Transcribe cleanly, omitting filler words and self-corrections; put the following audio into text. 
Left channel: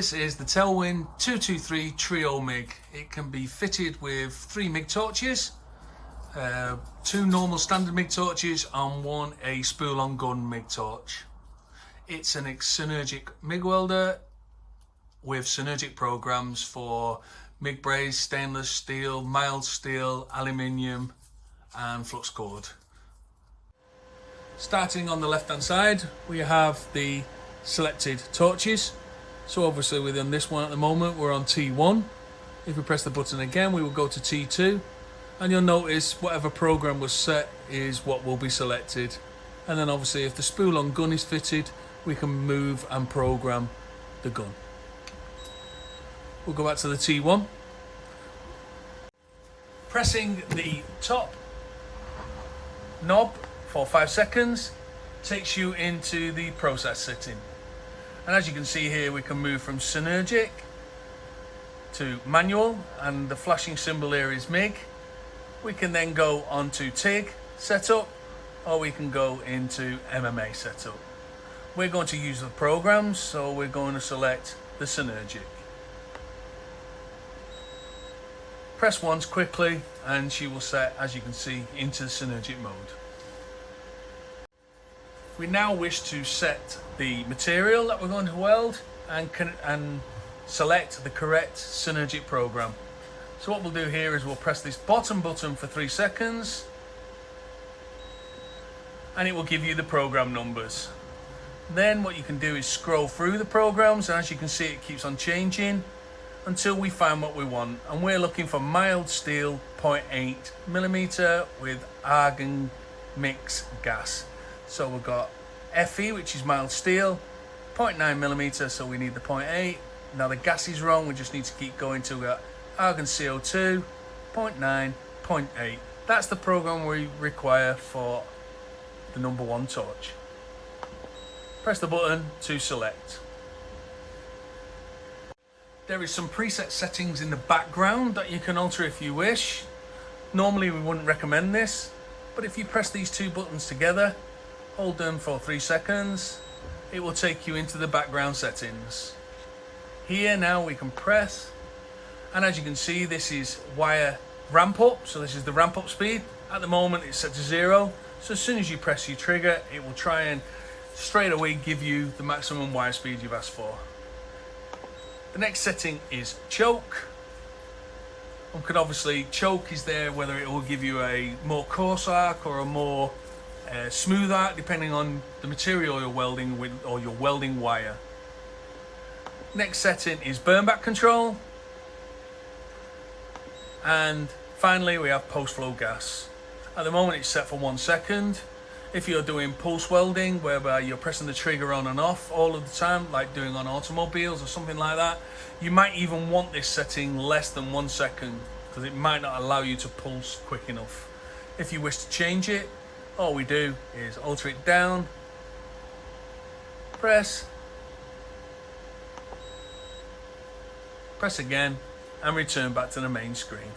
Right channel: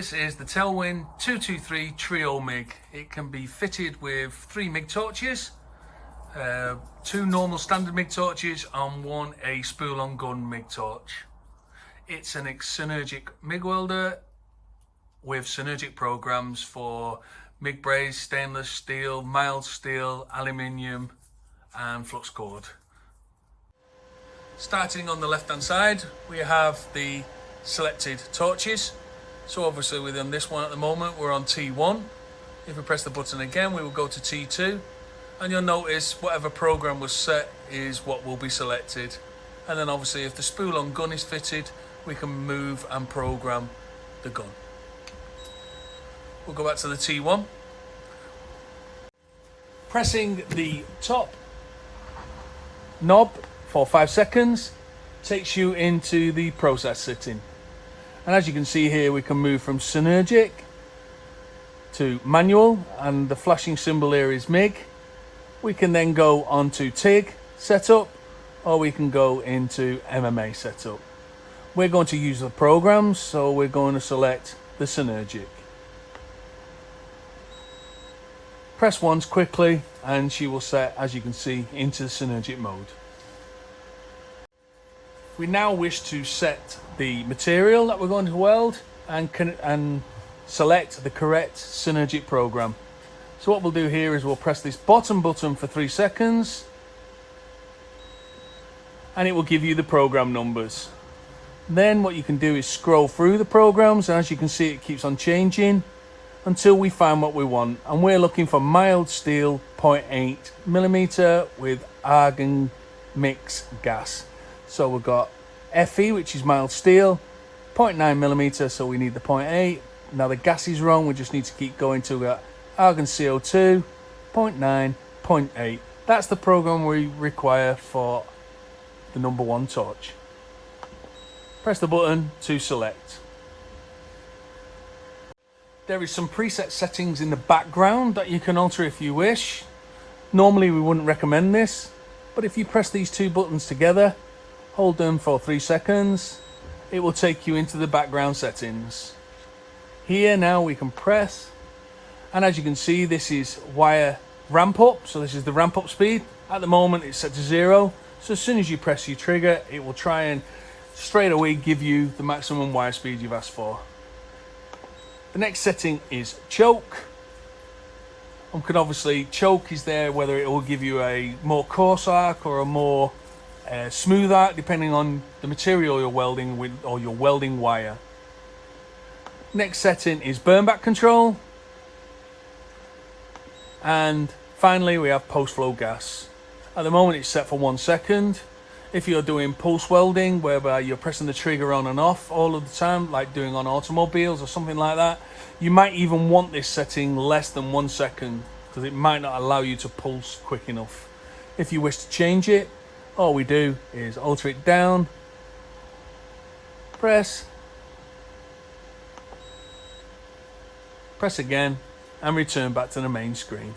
This is the Telwin 223 Treo MIG. It can be fitted with 3 MIG torches, 2 normal standard MIG torches and 1 a spool on gun MIG torch. It's an synergic MIG welder with synergic programs for MIG braze, stainless steel, mild steel, aluminium and flux cord. Starting on the left hand side, we have the selected torches. So obviously within this one at the moment we're on T1. If we press the button again we will go to T2, and you'll notice whatever program was set is what will be selected. And then obviously if the spool on gun is fitted, we can move and program the gun. We'll go back to the T1. Pressing the top knob for 5 seconds takes you into the process setting. And as you can see here, we can move from synergic to manual, and the flashing symbol here is MIG. We can then go on to TIG setup, or we can go into MMA setup. We're going to use the programs, so we're going to select the synergic. Press once quickly and she will set, as you can see, into the synergic mode. We now wish to set the material that we're going to weld and select the correct synergic program. So what we'll do here is we'll press this bottom button for 3 seconds and it will give you the program numbers. Then what you can do is scroll through the programs, and as you can see it keeps on changing until we find what we want, and we're looking for mild steel 0.8mm with argon mix gas. So we've got Fe, which is mild steel, 0.9mm, so we need the 0.8. Now the gas is wrong, we just need to keep going till we got argon CO2, 0.9, 0.8. That's the program we require for the number 1 torch. Press the button to select. There is some preset settings in the background that you can alter if you wish. Normally we wouldn't recommend this, but if you press these 2 buttons together, hold them for 3 seconds, it will take you into the background settings. Here now we can press, and as you can see this is wire ramp up, so this is the ramp up speed. At the moment it's set to 0, so as soon as you press your trigger it will try and straight away give you the maximum wire speed you've asked for. The next setting is choke. One could obviously, choke is there whether it will give you a more coarse arc or a more smooth arc depending on the material you're welding with or your welding wire. Next setting is burn back control, and finally we have post flow gas. At the moment it's set for 1 second. If you're doing pulse welding whereby you're pressing the trigger on and off all of the time, like doing on automobiles or something like that, you might even want this setting less than 1 second because it might not allow you to pulse quick enough. If you wish to change it, all we do is alter it down, press again and return back to the main screen.